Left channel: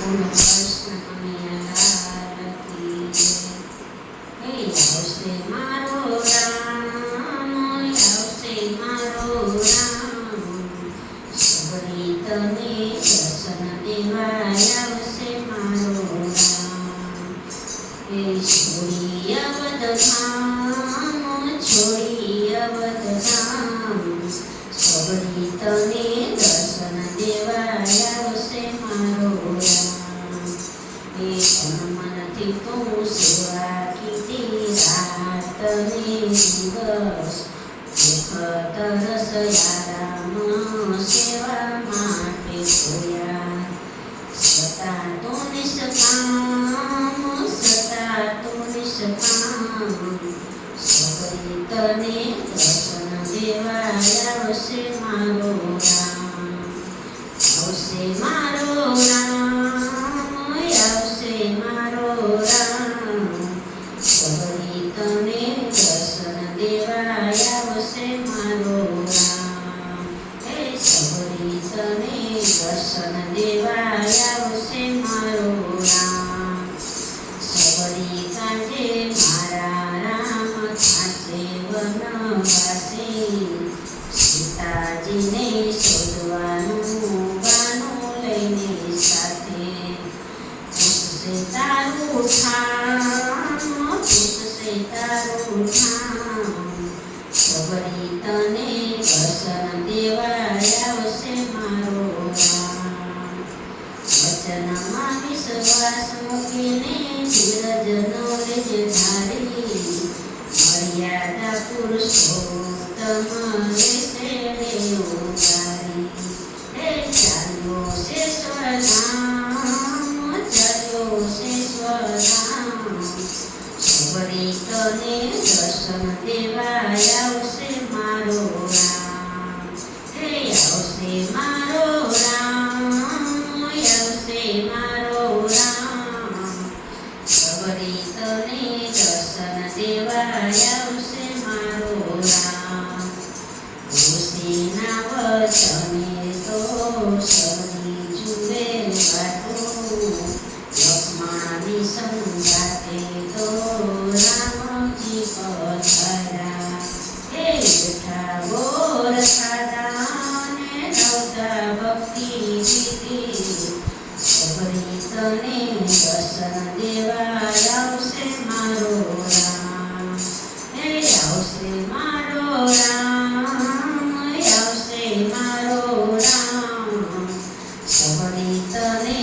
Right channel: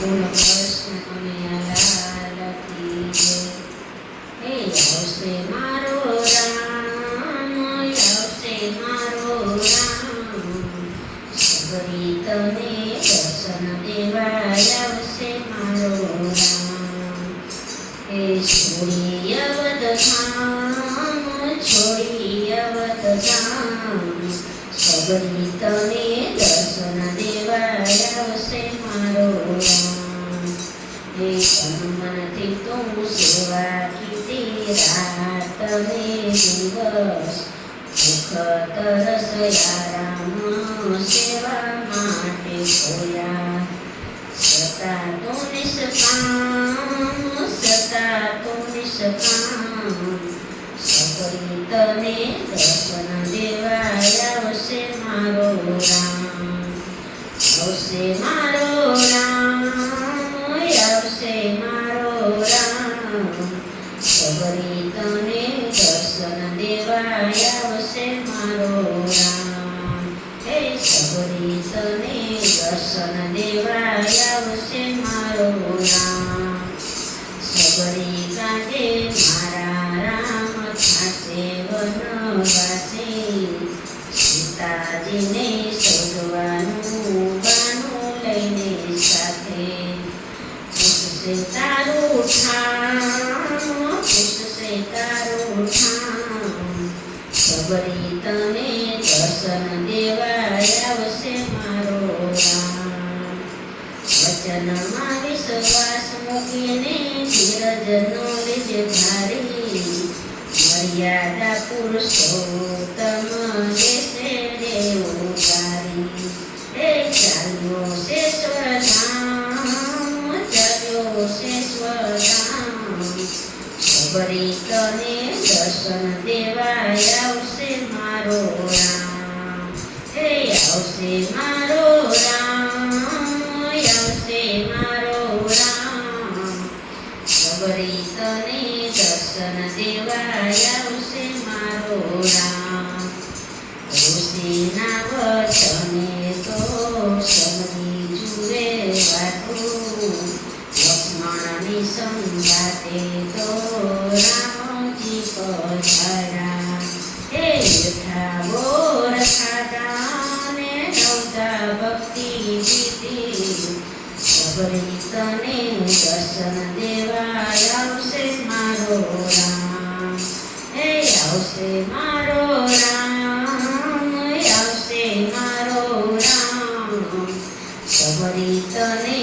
બોલો કૃષ્ણ કનૈયા લાલ કી જય. હે આવશે મારો રામ, આવશે મારો રામ, સબરી તને દર્શન દેવા આવશે મારો રામ. હે છોડી અવધધામ, છોડી અવધધામ, સબરી તને દર્શન દેવા આવશે મારો રામ. હે મનથી તું સેવા કીધી રાત ને દિવસ, ભૂખ તરસ રામ સેવા માટે ખોયા. સતા તું નિષ્કામ, સતા તું નિષ્કામ, સબરી તને દર્શન દેવા આવશે મારો રામ. આવશે મારો રામ, આવશે મારો રામ, સબરી તને દર્શન દેવા આવશે મારો રામ. હે સબરી તને દર્શન દેવા આવશે મારો રામ. સબરી કાંઠે મારા રામ થશે વનવાસી, સીતાજીને શોધવાનું બાનું લઈને સાથે. પૂછશે તારું ઠામ, પૂછશે તારું ઠામ, સબરી તને દર્શન દેવા આવશે મારો રામ. વચનમાં વિશ્વાસ મૂકીને ધીરજનો રેજ ધારી, મર્યાદા પુરુષોત્તમ દેશે દેવધારી. હે ચાલ્યો શેશ્વરધામ, ચાલ્યો શેશ્વરધામ, સબરી તને દર્શન દેવા આવશે મારો રામ. હે આવશે મારો રામ, આવશે મારો રામ, સબરી તને દર્શન દેવા આવશે મારો રામ. ઋષિના વચને તો સબરી જુએ વાતું, લક્ષ્મણની સંગાતે તો રામજી પધાર્યા. હે રખાવો રખાતા ને નવતા ભક્તિ દીધી, સબરી તને દર્શન દેવા આવશે મારો રામ. હે આવશે મારો રામ, આવશે મારો રામ, સબરી તને